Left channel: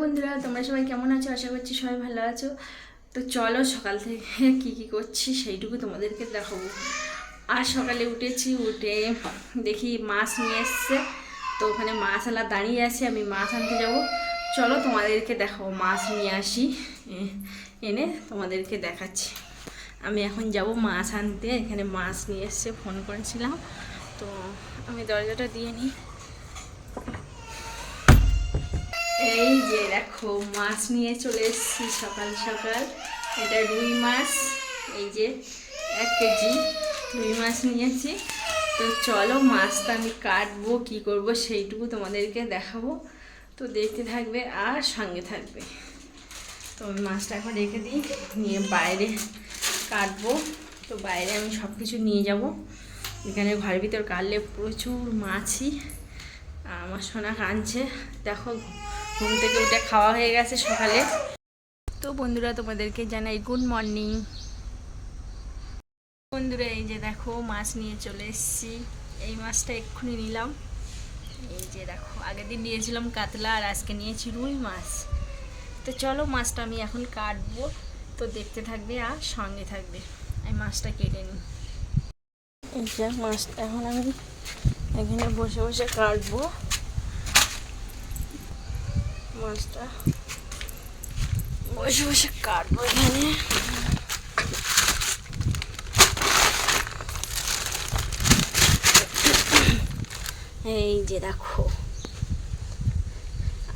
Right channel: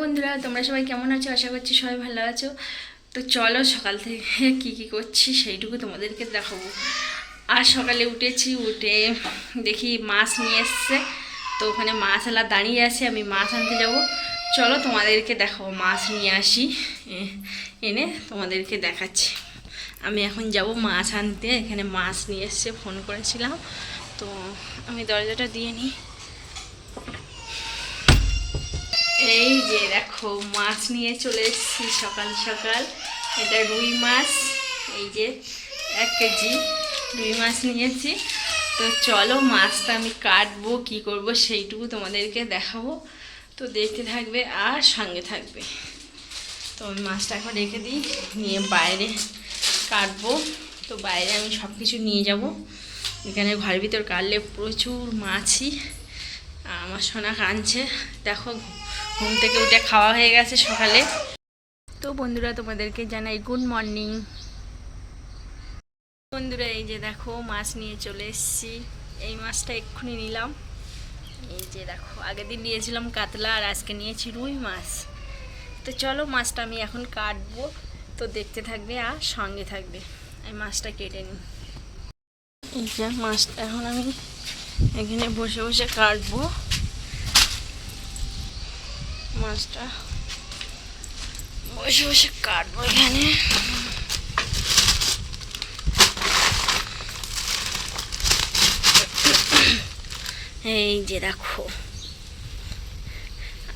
বন্ধুরা, তোমরা সবাই কেমন আছো? আশা করছি সবাই ভালো আছো। তো চলো সকাল থেকে কি কি করছি সেইটুকু তোমাদেরকে দেখাবো। আর সকালে উঠেছি, উঠে দেখি মাছ নিয়ে এসছে। তো ওখানে মাছ আলা দাঁড়িয়ে আছে, আমি মাছ আনতে যাব। চলো তোমাদেরকে দেখাবো, মাছ নিয়ে আসি। এনে তোমাদেরকে দেখাচ্ছি। আমি এখন যাব মাছ আনতে, এখানে মাছ নিয়ে এসছে, ফোন করেছিলাম। তো আমি দরজাটা দিয়ে নিই। এই যে দেখো, মাছ নিয়ে চলে এসেছি সকাল সকাল। এটা রুই মাছ, এই যে এক কেজি রুই মাছ নিয়েছি। তো চলো মাছটা আমি কাটবো, কি করব সেইটুকু তোমাদেরকে দেখাবো। তো দেখতে থাকবে আর সঙ্গে থাকবে। তো আমি মাছটা এখন রেখে দিই, নিয়ে বাইরে কাটবো। তো বাইরে আমি সব কিছু নিয়ে যাব। এখানে ঘরের ভিতর কাটলে প্রচুর মাছই, আমার সোনা কাঁদছে। দেখো ঘুম থেকে উঠে খাওয়া হয়ে গেছে সকালে। তো বন্ধুরা, তোমাদেরকে জানাই গুড মর্নিং বন্ধুরা, এই যে দেখো, মাছ নিয়ে চলে এসেছি। এই মাছটা এক্ষুনি নিলাম। এই যে দেখো, আগের দিন নিয়েছিলাম কাতলা আর আজকে নিয়েছি রুই মাছ। তো চলো, মাছটা আমি এখন কাটবো। তো দেখতে থাকবে আর সঙ্গে থাকবে। এই মাছটা কেটে নিই। এই যে মাছটা এখন আমি এখানে বসে বসে কাটবো। মাছটা। বসে বসে কাটবো এখানে। এই যে দেখো।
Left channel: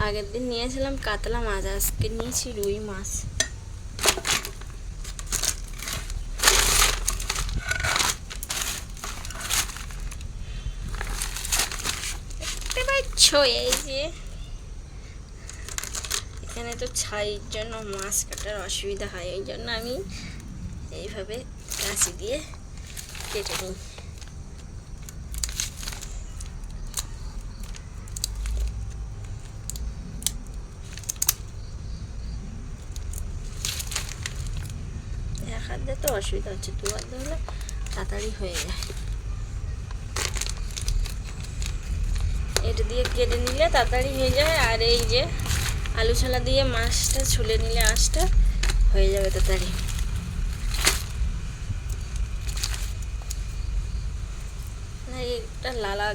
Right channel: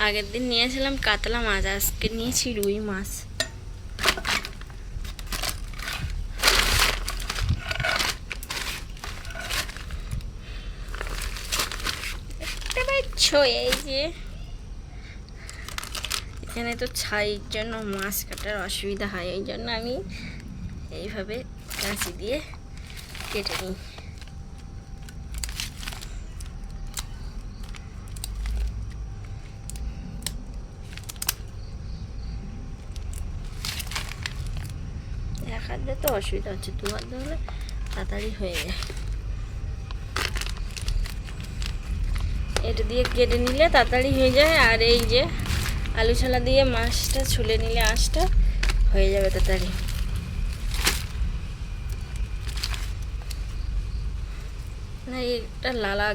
আগের দিন নিয়েছিলাম কাতলা মাছ, আজকে নিয়েছি রুই মাছ। দেখতে পাচ্ছ এই যে? এখানে তো ছাইয়ের জন্য মাছ কাটার অসুবিধা হয়, এই জন্য আমি এইভাবে কাঁচি দিয়ে কেটে নিই। হাত তো অসুবিধা হচ্ছে, দু হাত হলে তাড়াতাড়ি হয়ে যায়। এটা দিয়ে কেটে নিলে তাড়াতাড়ি হয়ে যায়, আর এই যে আলু ছালা দিয়ে মাছটা ছুলে নিলে আঁশটা হয়ে যাবে তাড়াতাড়ি। না এটা লালা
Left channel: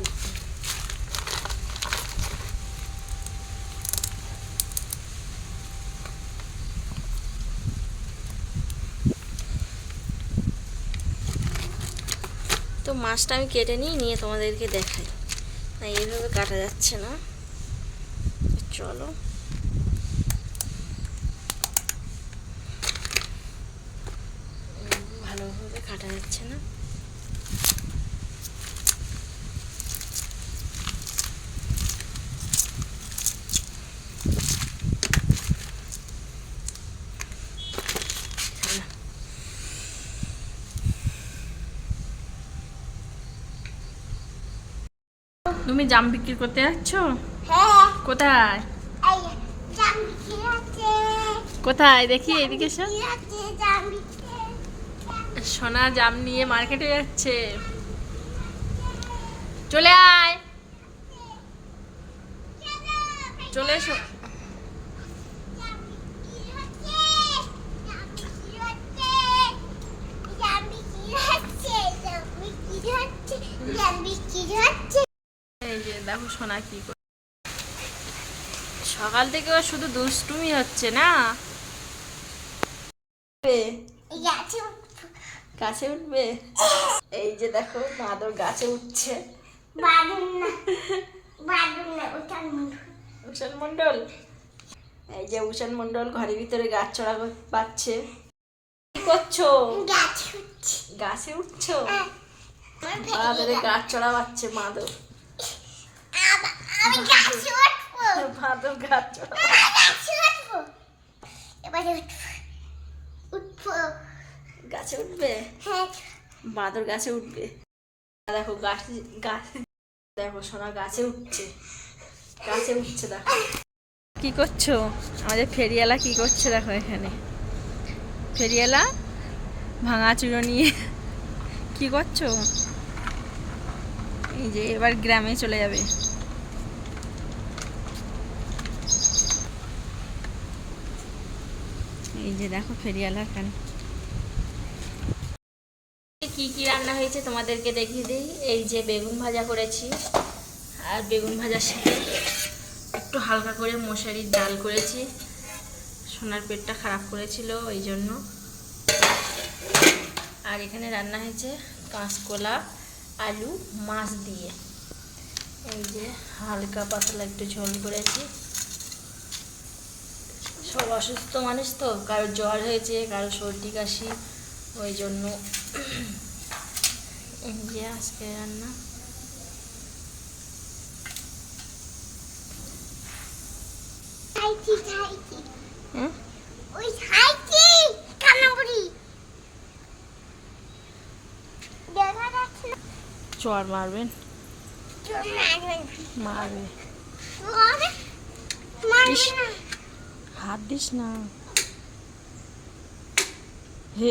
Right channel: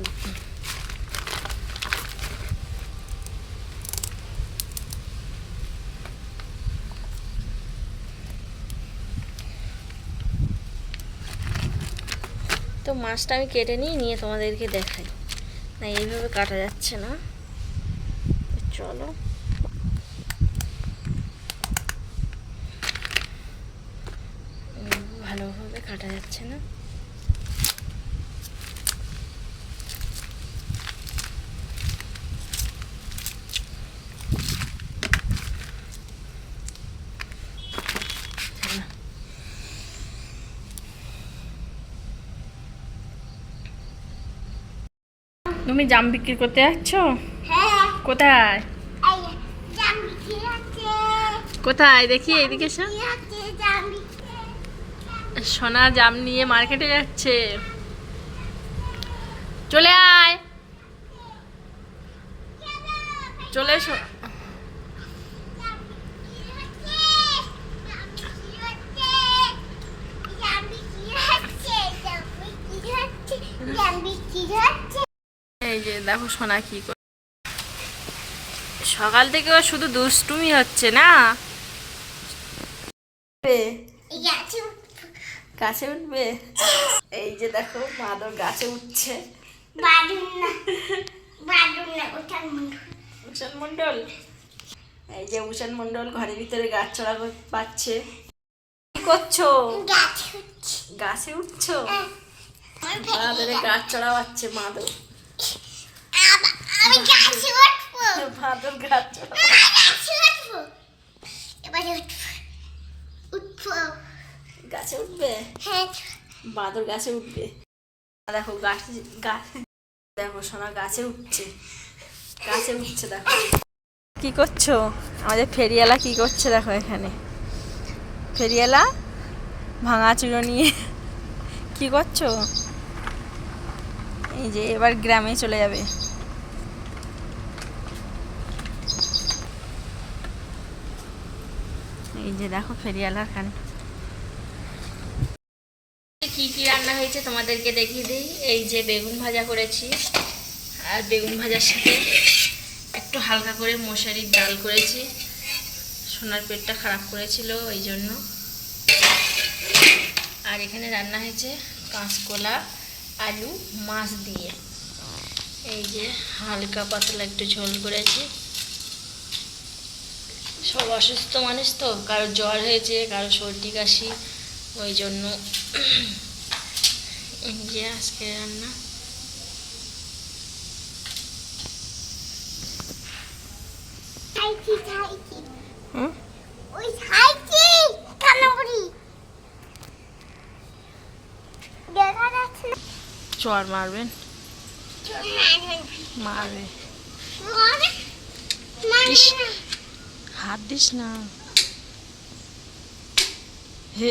তো মাছটা আমি কেটে নিই নিয়ে তোমাদেরকে দেখাই। না, এইভাবে কাটা যাচ্ছে না। চলো। যাচ্ছে না? তুমি জাম বিক্রি করতে যাচ্ছ? হ্যাঁ। কোথায়? আছে কোথায়? দেখি এদিকে আছে জামি সোনা জাম নিয়ে মার্কেটে যাচ্ছে। চলে আয়। চলে এসো। এই যে দেখো সোনা কি করে সকাল থেকে শুধু দুষ্টুমি হচ্ছে না? গাছে উঠবে? এই যে দেখো মাদর গাছে উঠছে। উষান মন্ডল এই যে উষান মন্ডল ঘরের ভিতরে গাছ চড়া পাচ্ছে কি করছ? গাছে উঠছো। মাদরে গাছ চড়া পাচ্ছে মাদর আমি গাছে উঠবো। মাদর গাছ চড়া এবারে উঠবো। উঠবো। গাছে উঠবে? হ্যাঁ। বাদর গাছে উঠবে। দেখো গাছ গাছ দেখো সোনা গাছে উঠছে। গাছে উঠছে দেখো। কি করছ? আমাদের ফেরিয়ালা কি করছে দেখো এখানে। ফেরিয়ালা ভাঙা চুড়ো নিয়ে। কি করছ? এই যে এবার গ্রামে চলে যাবে। এই যে দেখো ফেরিয়ালা খান কি কি রান্না হয়েছে তোমাদেরকে দেখিয়ে দিই। এই যে বেগুন ভাজা করেছি আর বেগুন ভাজার সাথে একটু হালকা করে মশারির ডাল করেছি। সোনার পেটটা খারাপ করেছিল ওই জন্য। আর এখানে রান্না হয়েছে কাঁচকলা, আলু, মাছ দিয়ে। এই যে হালকা পাতলা একটু ঝোল করেছি। সব অসুস্থ মানুষ তো কারও জ্বর হয়েছে কারও সর্দি কাশি, ওই জন্য এই যে আজকে রান্না। চর মারবেন। মারবে। হাত দিস না হে